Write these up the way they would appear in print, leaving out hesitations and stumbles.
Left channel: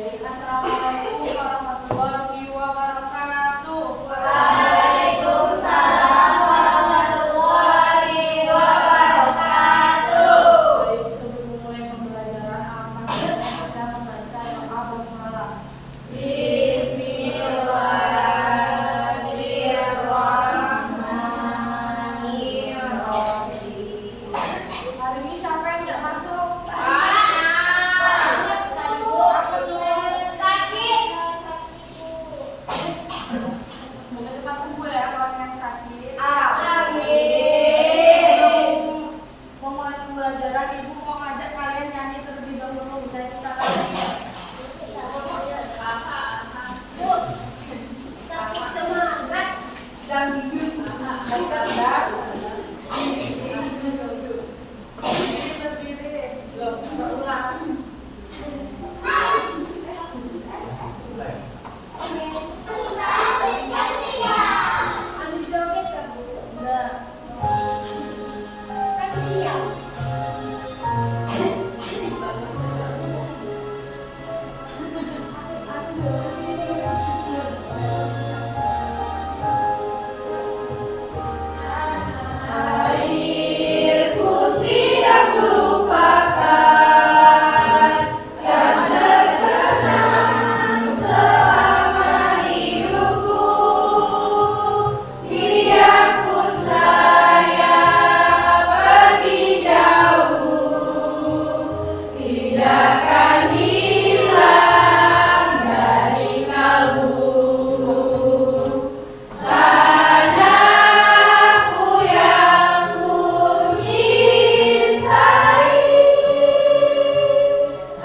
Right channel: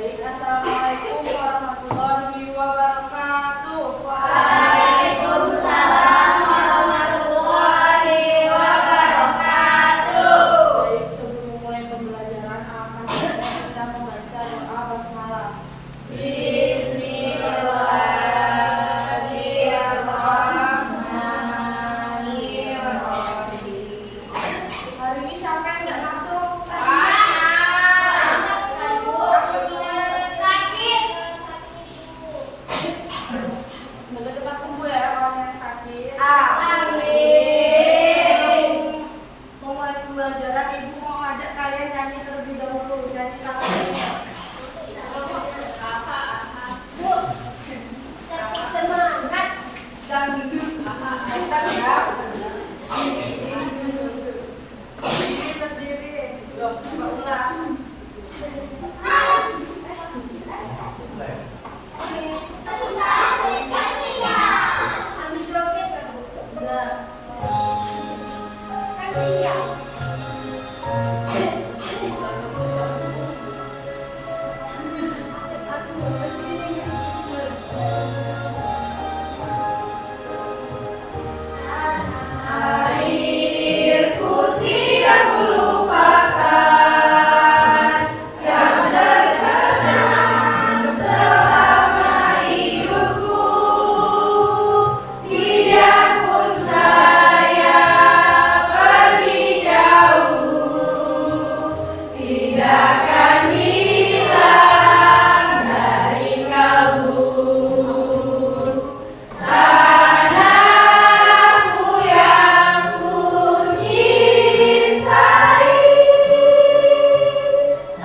Baik, assalamualaikum warahmatullahi wabarakatuh. Waalaikumsalam warahmatullahi wabarakatuh. Baik, sebelum memulai pembelajaran akan kita membaca doa basmalah. Bismillahirrahmanirrahim. Hari ini siapa yang nggak masuk? Semoga cepat sembuh ya orang yang sakit. Mau mulai pembelajaran, ibu mau ngajak kalian nyanyi terlebih dahulu. Nyanyi tangannya. Dangdut. Bukan ya. Berdiri. Loh, coba ulang. Airku tidak lupakan yang terkenang selama hidupku. Biarpun saya pergi jauh, tidak akan hilang dari kalbu. Tanahku yang ku cintai,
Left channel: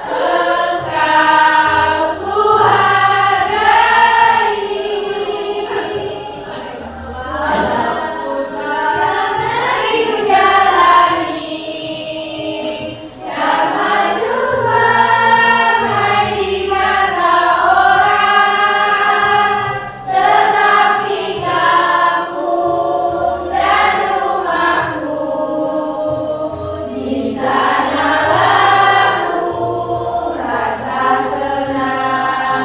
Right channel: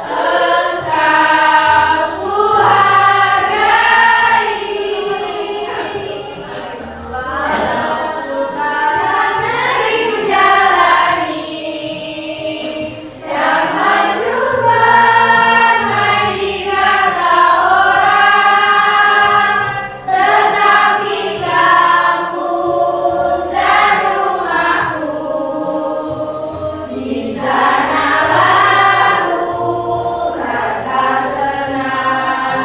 engkau ku hargai. Walaupun negeri ku jalani, yang masyhur ramai dikata orang, tetapi kampung dan rumahku di sanalah ku rasa senang.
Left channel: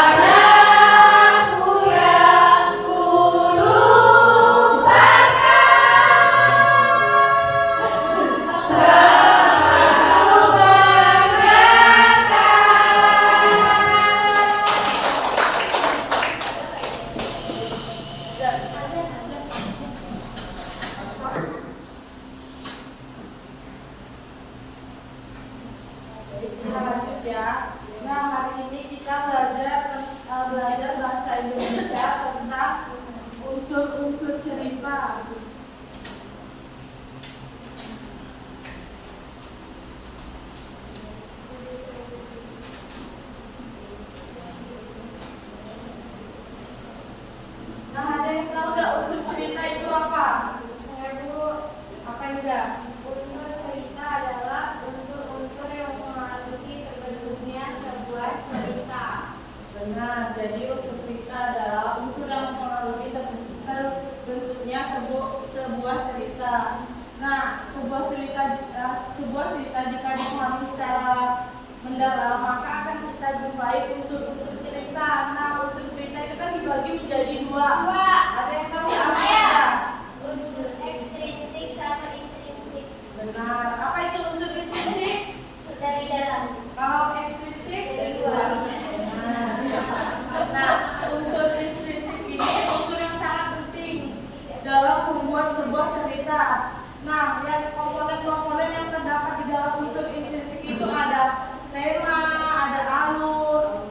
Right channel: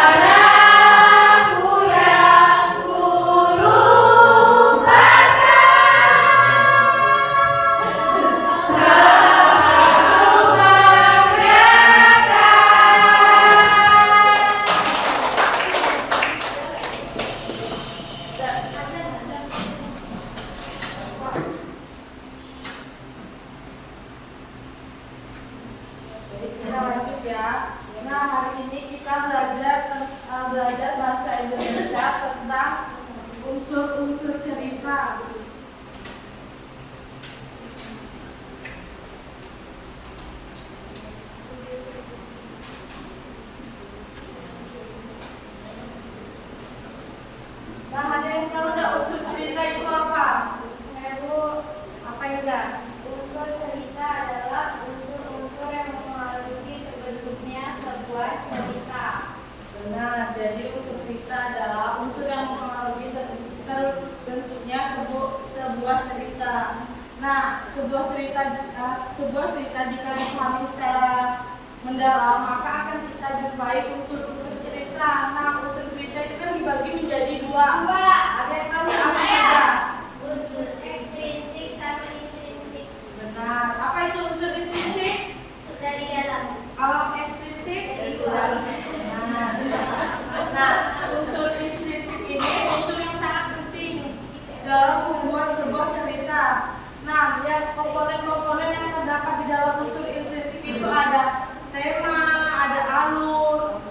Tanahku yang ku lupakan, kau Kita lanjut ya. Nah, hari ini kita belajar bahasa Indonesia tentang unsur-unsur cerita. Nah, ada yang tahu nggak unsur cerita itu apa? Saya Bu, Apa juga? unsur cerita adalah unsur-unsur yang mempengaruhi terbentuknya sebuah cerita. Benar, jadi unsur cerita adalah unsur yang mempengaruhi terbentuknya sebuah cerita. Nah, sebuah cerita jika dipahami secara mendalam, maka akan kita jumpai unsur-unsur cerita. Nah, unsur cerita itu kan dibagi menjadi dua. Ada yang tahu apa saja? Unsur ekstrinsik sama intrinsik. Benar. Apa itu unsur intrinsik? Dari dalam. Kalau ekstrinsik Dari luar. Nah, unsur intrinsik ini unsur yang sangat penting dalam membuat sebuah cerita. Nah, yang komponen-komponen yang terdapat di dalam unsur intrinsik itu ada tema, ada alur,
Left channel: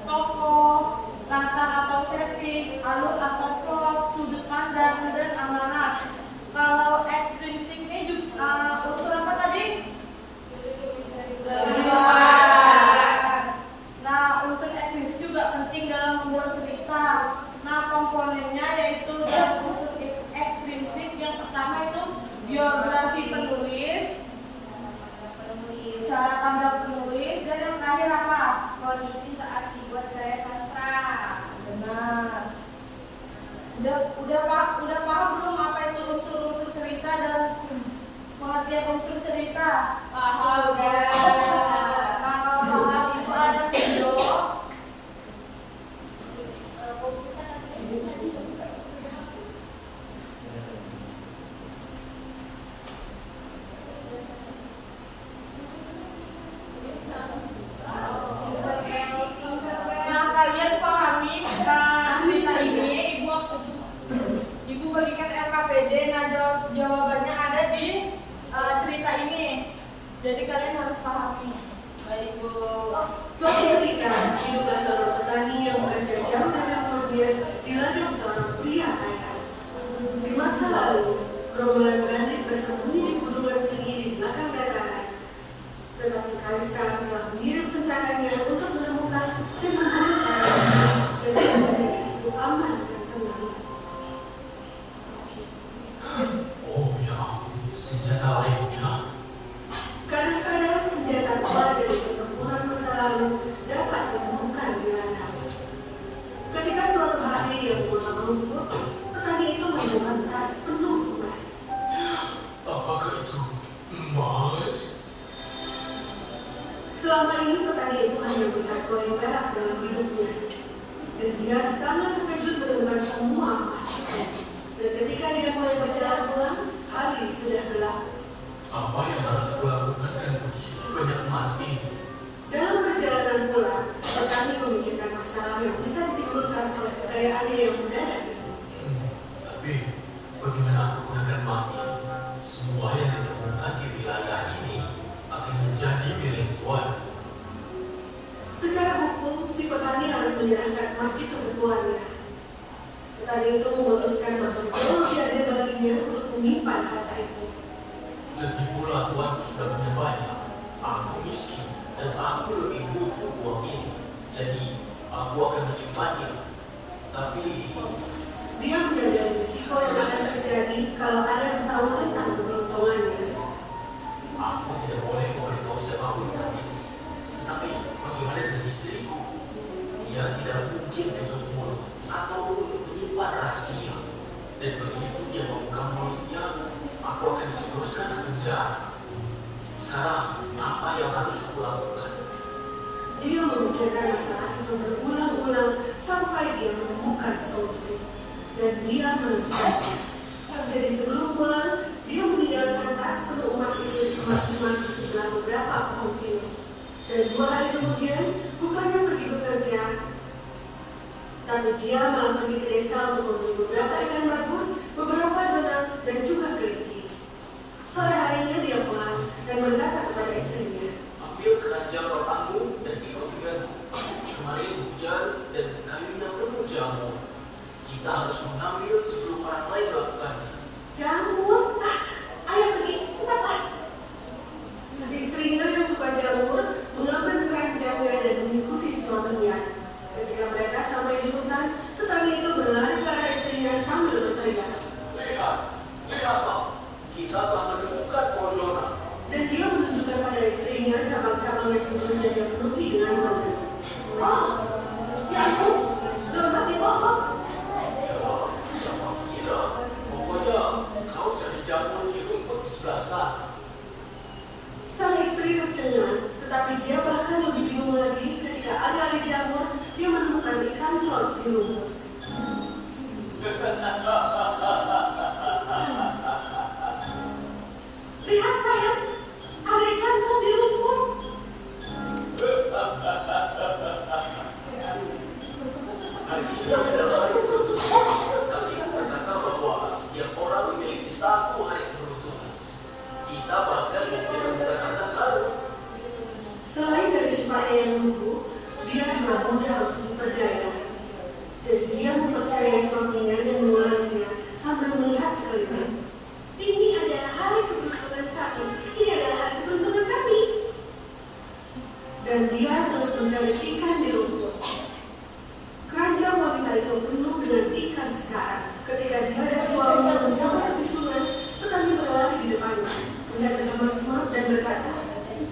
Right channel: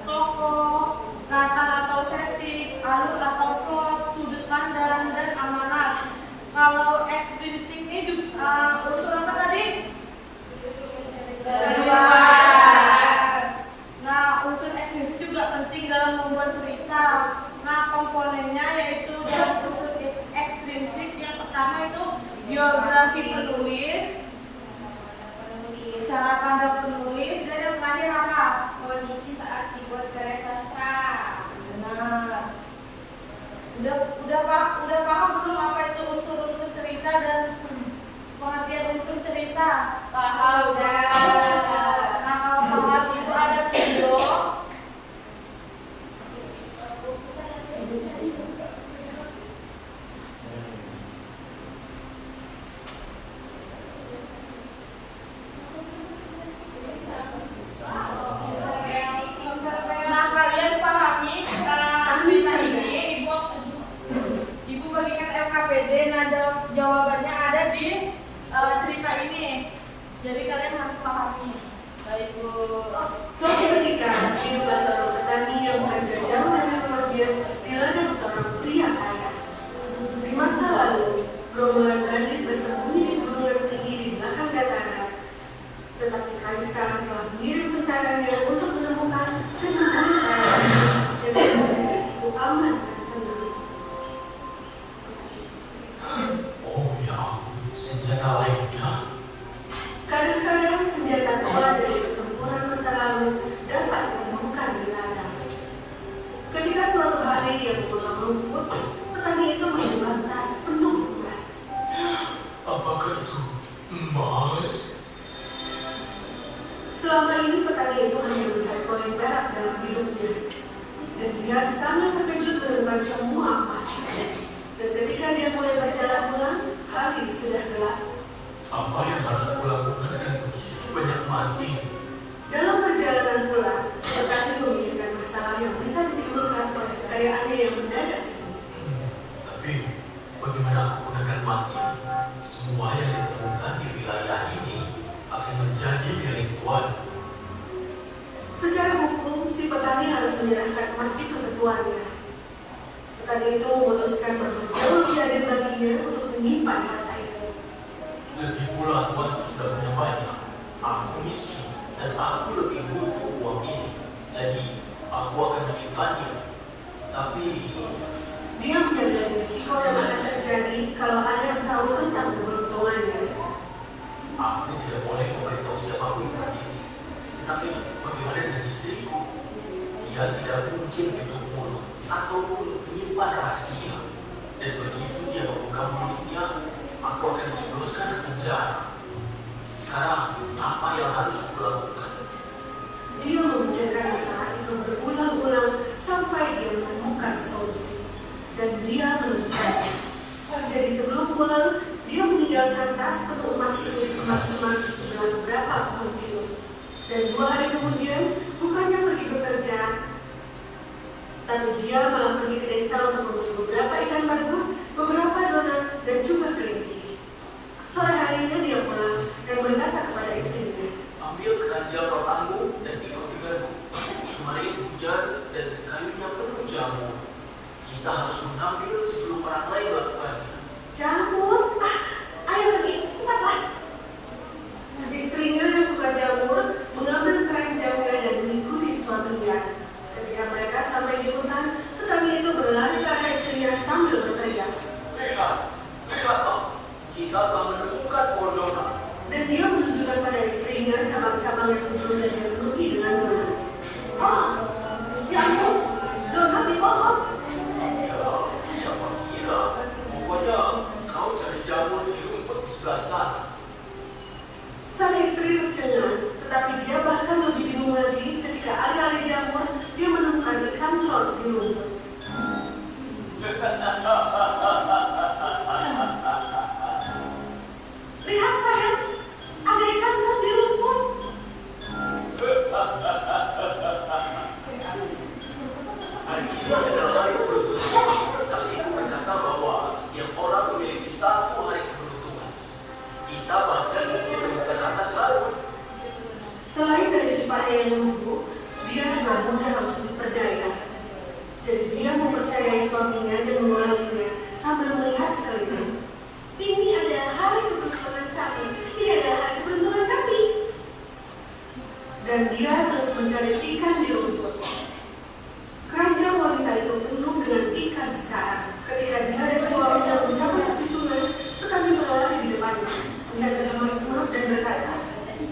panen di ladang seorang pria kaya. Di masa lalu, gerombolan bandit bersembunyi di gunungan tinggi di belakang dataran. Tetapi Kaisar telah mengirim tentaranya untuk menemukan dan mencari panen, dan semuanya itu aman dan tenang. Oh ya ampun, senjata lainnya. Kadang-kadang senjata tua dari pertempuran masa lalu dapat ditemukan di ladang. Ketika suatu hari dia memotong rumput, petani itu menemukan tas penuh emas. Apakah itu emas? Selama ini petani itu hanya melihat koin perak dalam hidupnya, dan dia sangat terkejut menemukan semua emas itu. Dan ketika dia mulai berjalan pulang, hari sudah gelap. Apa yang harus aku lakukan dengan begitu banyak emas ini? Dalam perjalanan pulang, petani memikirkan masalah yang bisa ditimbulkan oleh kekayaannya yang mendadak itu. Tapi bagaimana aku gunakan emas ini? Semua yang ditemukan di wilayah ini akan menjadi milik Tuhan. Secara hukum, si petani harus menyerahkan emas itu ke tuannya. Petani itu memutuskan bahwa jauh lebih adil baginya untuk menyimpan harta itu. Lagi pula Tuhan sudah punya banyak. Aku miskin dan aku lebih butuh uang ini. Jadi aku akan menyimpannya. Tapi Dia menyadari risiko yang akan terjadi kalau ada yang tahu tentang keberuntungannya. aku tidak boleh memberitahu siapapun tentang ini. Tetapi bagaimana dengan istriku? Dia tidak mungkin menutup mulut atau menyimpan rahasia. Dan begitu dia membuka mulutnya, aku akan dijebloskan ke penjara. Sekarang apa yang harus aku lakukan? Dia memikirkan masalah itu berulang-ulang sampai dia menemukan solusi. Dan dia menemukan. Jadi sebelum pulang, dia meninggalkan tas penuh emas itu di semak-semak di sebelah beberapa pohon pinus. Dan 2 hari kemudian, bukannya pergi bekerja, tapi dia malah pergi ke desa untuk membeli beberapa ikan bagus, beberapa donat, dan juga kelinci. Sore harinya dia pulang dan berkata kepada istrinya, Ambil keranjang rotanmu dan ikut denganku. Kemarin hujan dan kayunya penuh jamur. Kita harus mengambil sebelum orang lain melakukannya. "Jamur? Ayo pergi, cepatlah." Istrinya yang suka jamur mengambil keranjangnya dan mengikuti suaminya. Ketika mereka sampai di hutan, petani itu berlari ke arah istrinya sambil berteriak. Lihatlah, kita telah menemukan pohon donat. Dan dia menunjukkan pada istrinya cabang-cabang yang sebelumnya dia penuhi dengan donat. "Oh, ya ampun, donat di pohon." Ya, siapa kira? Pokoknya kau cari jamur di rumput di sebelah sana. Sang istri tercengang, tetapi dia bahkan lebih bingung lagi ketika alih-alih jamur, dia menemukan ikan trot di rumput. "Lihat sayang, ada ikan trot di rumput." Hari ini adalah hari keberuntungan. Kali ini berkata bahwa setiap orang memiliki satu hari keberuntungan. Kita bahkan mungkin menemukan harta karun. Selain dari sifatnya yang lugu, dia juga mudah untuk diperdaya. Jadi dia mempercayai suaminya dan mengulanginya sambil melihat sekeliling. "Ini adalah hari keberuntungan kami. Ini adalah hari keberuntungan kami." Dan dia terus mencari ikan di rumput. Keranjang wanita itu penuh dengan ikan sekarang. Ketika dia dan suaminya mencapai tepi sungai, petani berlari di depannya, melihat ke semak-semak dan berkata,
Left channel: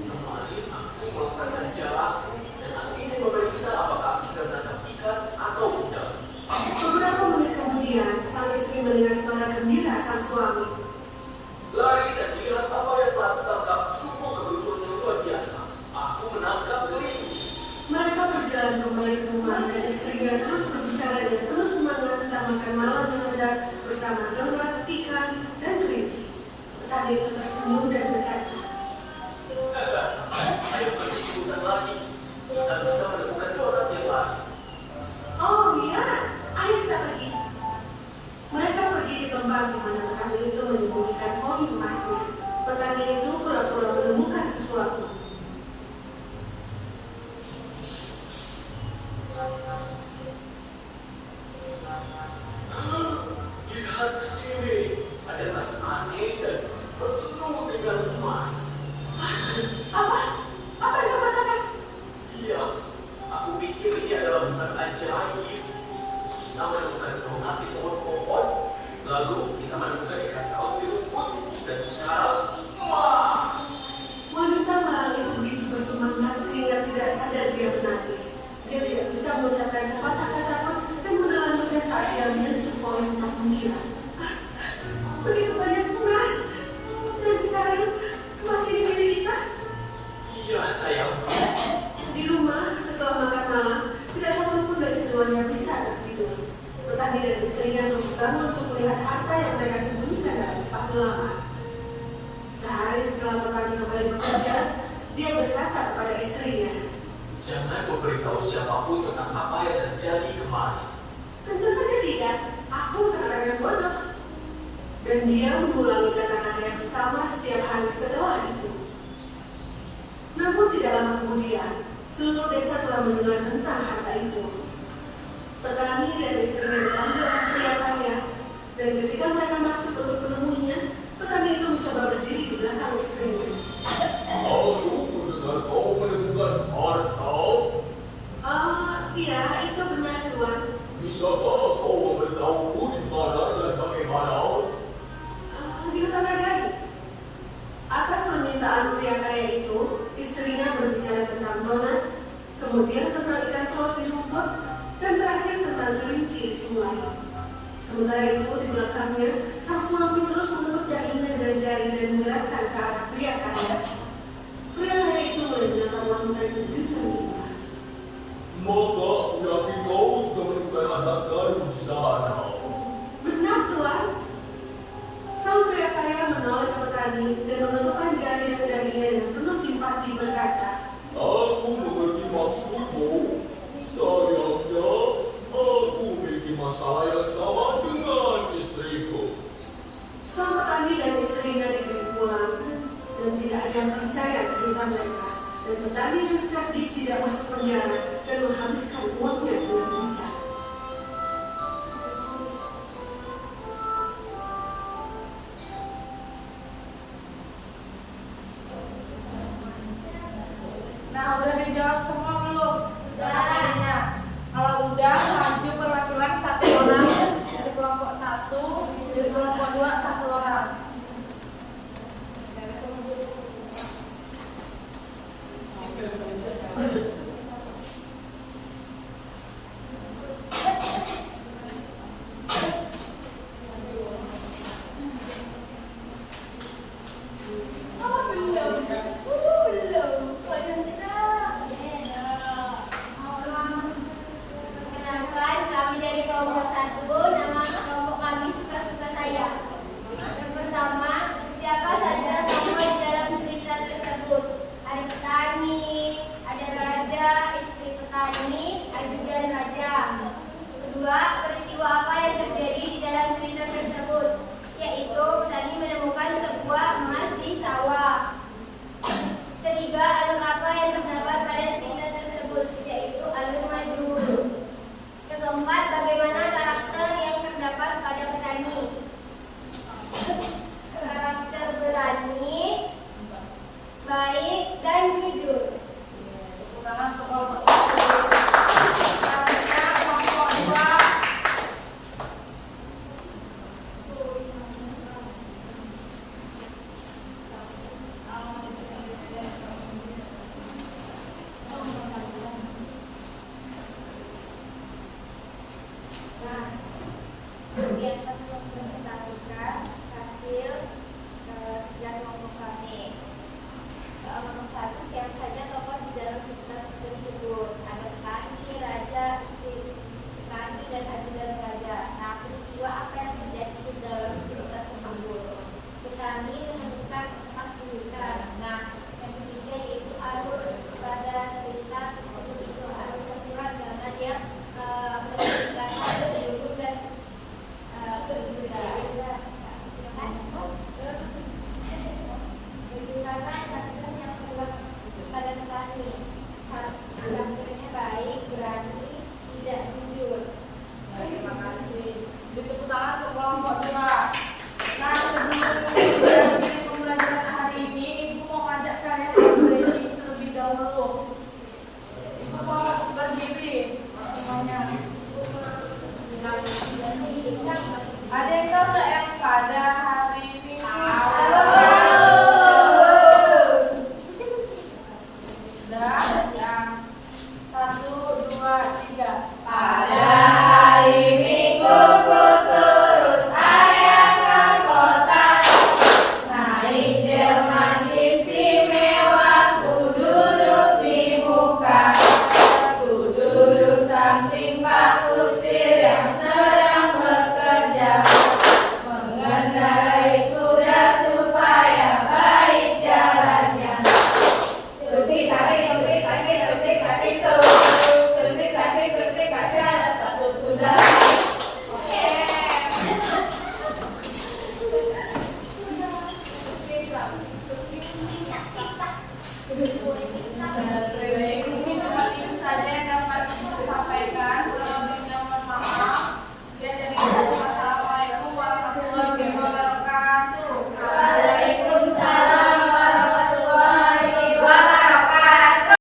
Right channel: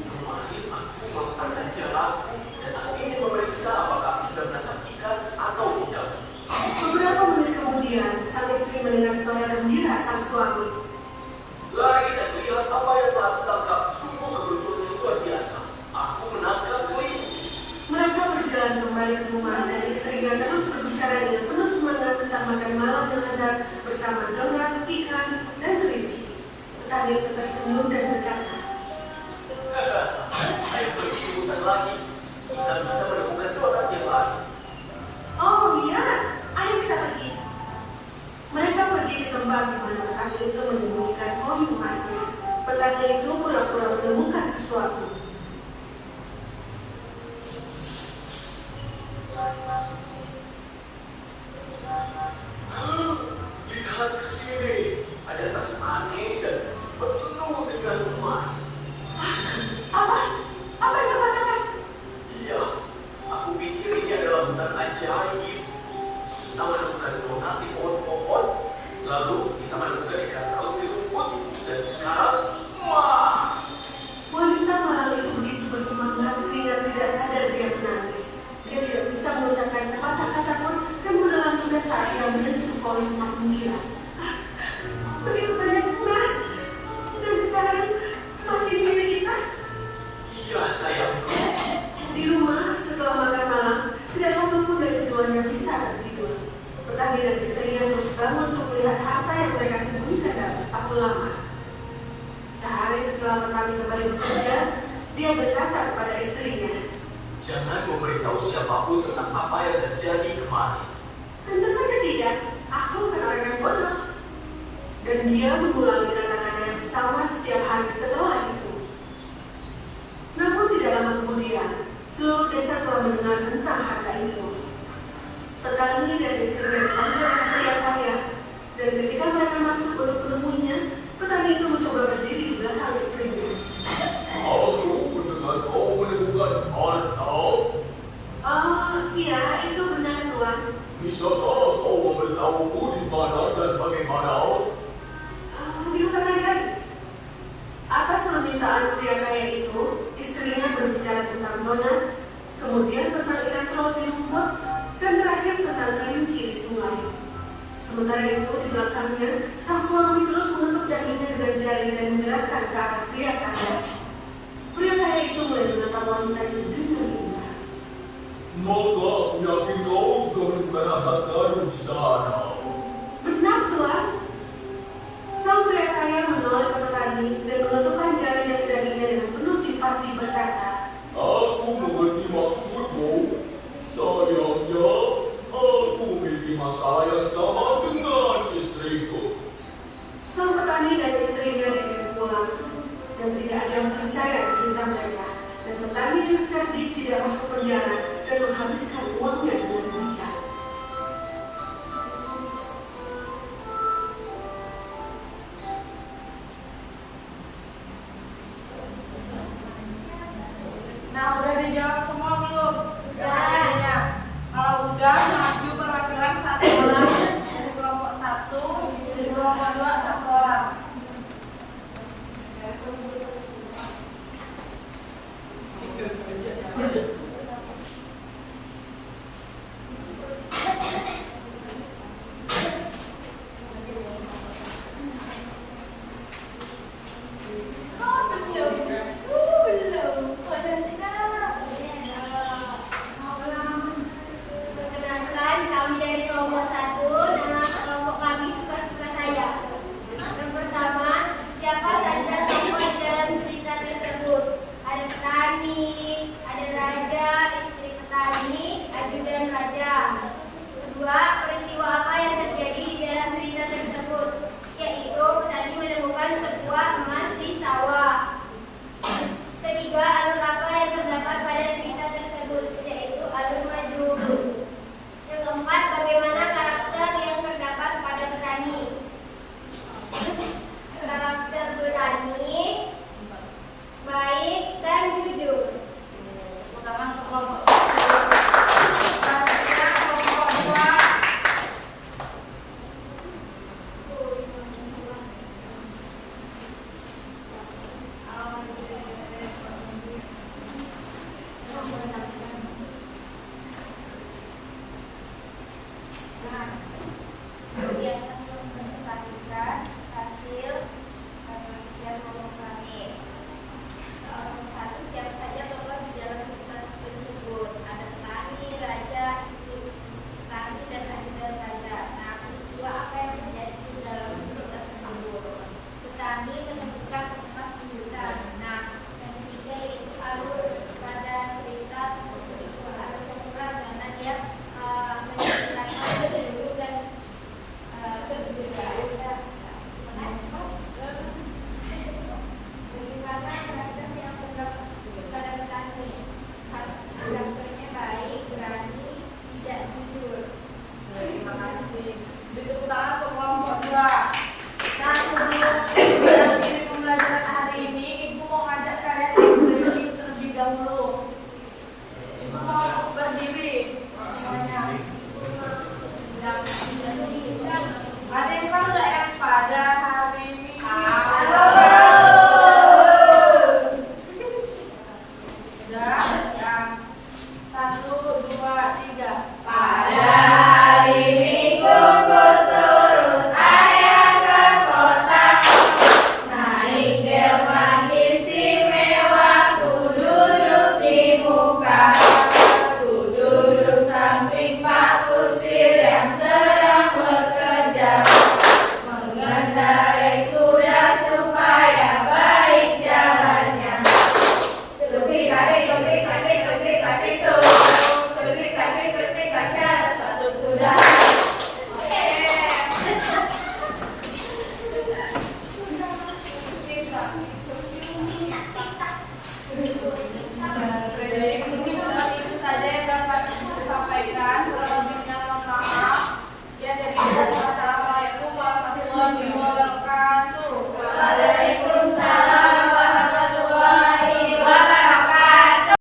Kemarin aku melakukan jalan dan aku ingin memeriksa apakah aku sudah menangkap ikan atau tidak. beberapa menit kemudian, sang istri mendengar suara gembira sang suami. Lari dan lihat apa yang telah kutangkap. Sungguh keberuntungan yang luar biasa. Aku menangkap kelinci. Mereka berjalan kembali ke rumah dan istrinya terus berbicara dengan penuh semangat tentang makan malam yang lezat bersama donat, ikan, dan kelinci. Petani itu tersenyum dan berkata, Ayo pergi ke hutan lagi. Kita bisa menemukan donat yang lain. "Oh iya, ayo kita pergi." Mereka pergi ke tempat di mana petani itu menyembunyikan koin emasnya. Petani itu pura-pura menemukan sesuatu. Iya, sayang. Di rumah, setelah makan malam, tidak satu pun dari keduanya bisa tertidur. Petani dan istrinya terus bangun untuk melihat harta yang mereka sembunyikan dalam sepatu lama. Sehari setelah petani kembali bekerja, dia berkata kepada istrinya, Jangan memberitahu siapapun tentang apa yang terjadi kemarin. tentu saja tidak, aku bukan orang yang bodoh. Dan dia mengulangi kata-kata yang sama setiap hari setelah itu. Namun tidak lama kemudian, seluruh desa telah mendengar tentang harta itu. Petani dan istrinya dipanggil oleh pria kaya, dan ketika mereka masuk untuk menemuinya, petani itu mencoba berdiri di belakang istrinya. Aku mendengar kau menemukan harta. Iya, itu benar Tuan. Bisakah kau memberitahuku di mana dan bagaimana? Di hutan ajaib. Atas permintaan pria kaya itu, istrinya berbicara tentang donat, kemudian tentang ikan laut di rumput, dan terakhir tentang kelinci di sungai. Sementara itu, di belakangnya, sang suami terus mengetuk dahinya dengan jari dan menggerakkan ke arah pria kaya. Pria kaya itu mulai menatap wanita itu dengan indah. Maka aku yakin kau juga menemukan harta karun di sana. Benar, Tuan. Sang pria kaya menoleh ke petani dan mengetukkan jarinya ke dahinya dengan penuh simpati berkata, Aku mengerti maksudmu. Sayangnya, aku memiliki masalah yang sama dengan istriku. sang petani dan istrinya dikirim pulang dan tidak ada yang percaya cerita mereka. Dan petani yang cerdik tidak masuk penjara dan menghabiskan uangnya dengan bijak. Nah, udah dijawab semua belum? Pertanyaannya. Kalau udah, maju perwakilan satu orang dari kelompok 1, dari kelompok 2 1 orang. Oke.